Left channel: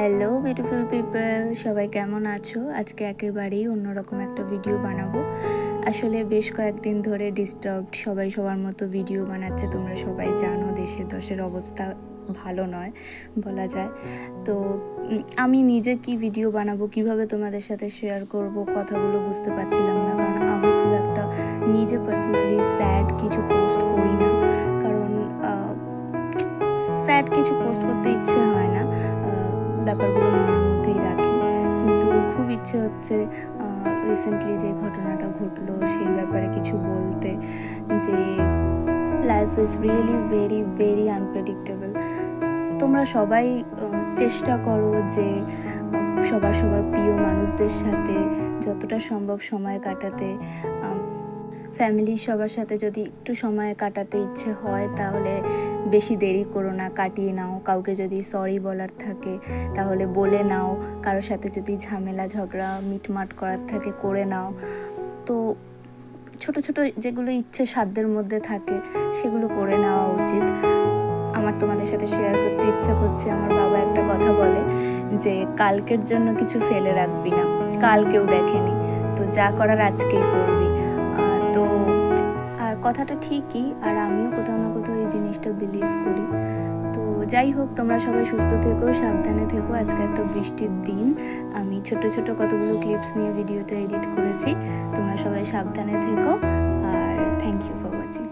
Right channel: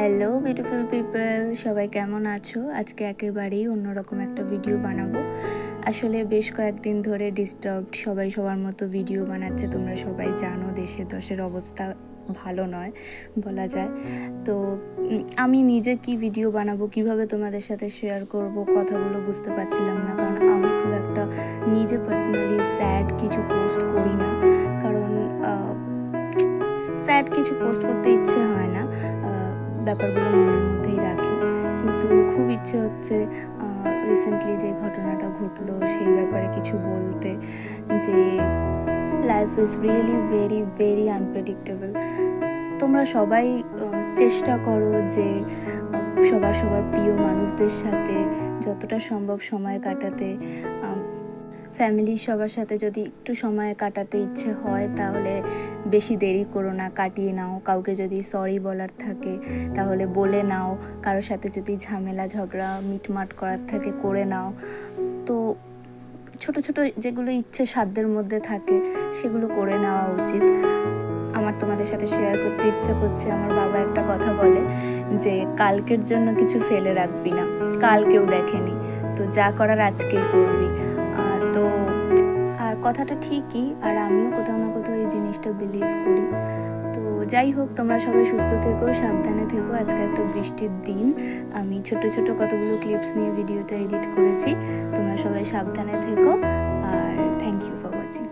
Hello beautiful people, সবাই কেমন আছো? আজকে একেবারেই অন্যরকম একটা ভিডিও বানাবো। আসলে বেশ কয়েকদিন ধরে ডিস্টার্বড, সবাই সবার মতো ভিডিও বানাচ্ছে। তোমরা সবাই জানো দেশের দশের অবস্থা ভালো নয় বলা যায়। তো আমি নিজে কি ভিডিও বানাবো, কিভাবে তোমাদের সাথে শেয়ার করব, কথাগুলো বুঝতে পারছিলাম না। কারণ আমি খুব একটা নিজে পার্সোনালি স্যাড কিছু পোস্ট করি না, কারণ স্যাড কিছু পোস্ট করতে ইচ্ছে হয় না, ব্যাপারগুলো মনের মধ্যেই রাখি। কিন্তু খুব ইচ্ছে হচ্ছে রিসেন্টলি যে ঘটনাটা ঘটলো সেই ব্যাপারে কিছু বলতে, যে life is really very very unpredictable. তোমরা সবাই চেষ্টা করো যে সবার প্রিয় মানুষদের সাথে যতটা সম্ভব সময় কাটাতে। ফ্যামিলির সবার সাথে যদি একটু সময় কাটাতে ইচ্ছে হয় তাহলে বেশি দেরি করো না, কাটিয়ে নাও। কাউকে যদি সরি বলার থাকে তাহলে বলে নাও, কারোর সাথে যদি ঝামেলা ঝগড়া মিটমাট করার থাকে করে নাও। তো ছোট ছোট যেগুলো ইচ্ছে সাধ্যের মধ্যে থাকে সেগুলো করে নেওয়া উচিত। আমার তোমাদের সাথে শেয়ার করতে ইচ্ছে করছে, আমার বাবা একটা কথা বলে যে কালকের জন্য কিছু ফেলে রাখবি না, কাল কেউ দেখেনি, তো যা করার আজকেই করবি। তো কথাটা ঠিকই, আর আমিও কোথাও না কোথাও এই জিনিসটা বিলিভ করি। তো যাই হোক, তোমরা সবাই সুস্থ থেকো, সাবধানে থেকো। আজকে একটা বৃষ্টির দিন, আমি ছোট ছোট কতগুলো ক্লিপস নিয়ে ভিডিওটা এডিট করেছি। তোমরা সবাই সাবধানে থেকো, আর থ্যাংক ইউ ফর ওয়াচিং।